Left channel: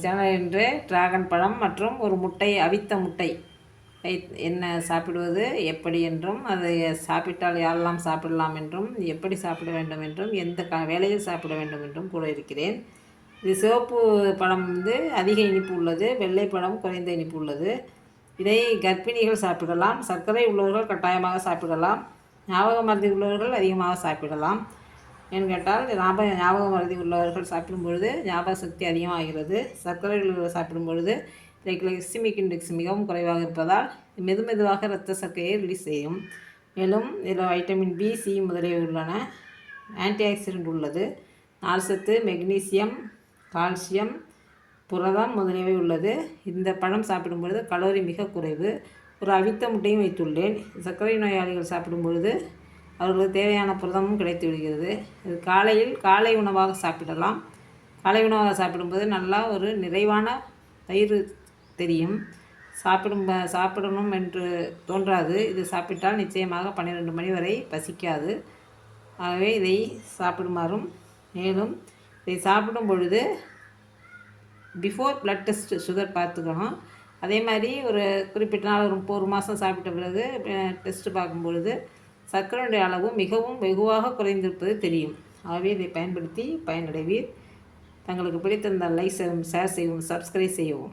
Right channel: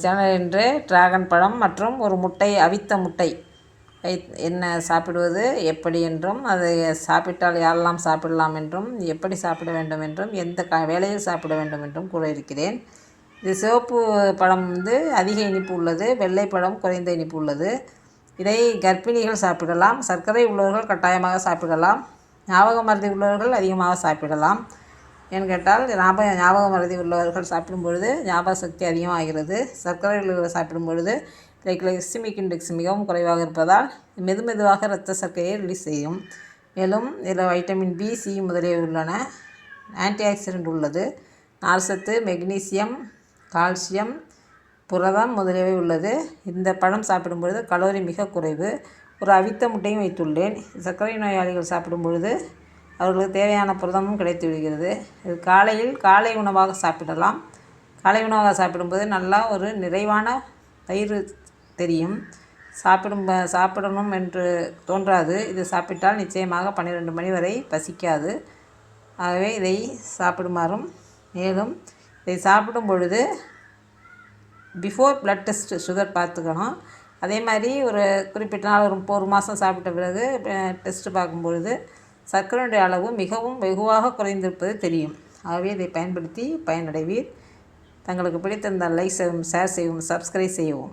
Channel என்று dragon பழம் மற்றும் ஒரு முட்டை, அவித்த முட்டை என்ன சாப்பிடுவது எப்படி என்றும், அதை சாப்பிட்டால் யாரெல்லாம் சாப்பிடலாம் என்றும், எப்படி சாப்பிட வேண்டும் என்றும், எந்த வேளையில் சாப்பிட வேண்டும் என்றும் கூற இருக்கிறேன். இது சிவப்பு பழம் அதிக இனிப்பு உள்ளது, வெள்ளை பழம் குறைந்த இனிப்பு உள்ளது. இதை கர்ப்பிணிகள் சாப்பிடலாம், சர்க்கரை உள்ளவர்கள் கட்டாயமாக சாப்பிடலாம், ஞாபக மறதி உள்ளவர்கள் அதிகமாக சாப்பிடலாம். ஏன்னு கேட்டால் ஞாபக மறதி உள்ளவர்கள் சாப்பிடும் பொழுது ஞாபக சக்தி அதிகமாகிறது. சர்க்கரை உள்ளவர்கள் சாப்பிடும் பொழுது கிளைசெமிக் இண்டெக்ஸ் மிகவும் குறைவாக இருப்பதால் மெதுவாக இரத்த சர்க்கரையை ரிலீஸ் செய்யும். மேலும் இதில் வைட்டமின் பி, சி முதலியவை உள்ளன. ஆன்டி ஆக்சிடென்ட் உள்ளது. நார்ச்சத்து, மெக்னீசியம், கால்சியம், புரதம் முதலியவை உள்ளது. இந்த பழம் சாப்பிடும் பொழுது கலோரி மிக குறைவு. ஒரு அவித்த முட்டையும் வைத்துள்ளேன். சர்க்கரை நோயாளிகள் சாப்பிடும் பொழுது அவர்களுக்கு தேவையான புரதமும் கிடைத்து விடுகிறது. இது காலை உணவாக சாப்பிடலாம். காலை உணவாக சாப்பிடும்போது நல்லா ஒரு நிறைவான வயிறு தெரியும். சாப்பிடணும் என்று தோன்றாது. இது சாப்பிட்டால் நிச்சயமாக 12 மணி வரை பசிக்காது. ஆகவே இதை சாப்பிடுமாறும், மேலும் இதை சாப்பிடும் பொழுது பிஃபோர் பிளட் டெஸ்ட் சுகர் பார்த்துக்கணும். அதே மாதிரி ஒரு குறிப்பிட்ட நாள் ஒரு மாதம் சாப்பிட்ட பிறகு டெஸ்ட்டு பார்க்கும்பொழுது சர்க்கரையுடைய அளவு மிகவும் வெகுவாக குறைந்திருப்பது தெரியும். ஆகவே இதை பயன்படுத்தி பயனடைவீர். தங்களுக்கு பிடித்திருந்தால் லைக் செய்யவும், ஷேர் செய்யவும், சப்ஸ்கிரைப் செய்யவும்.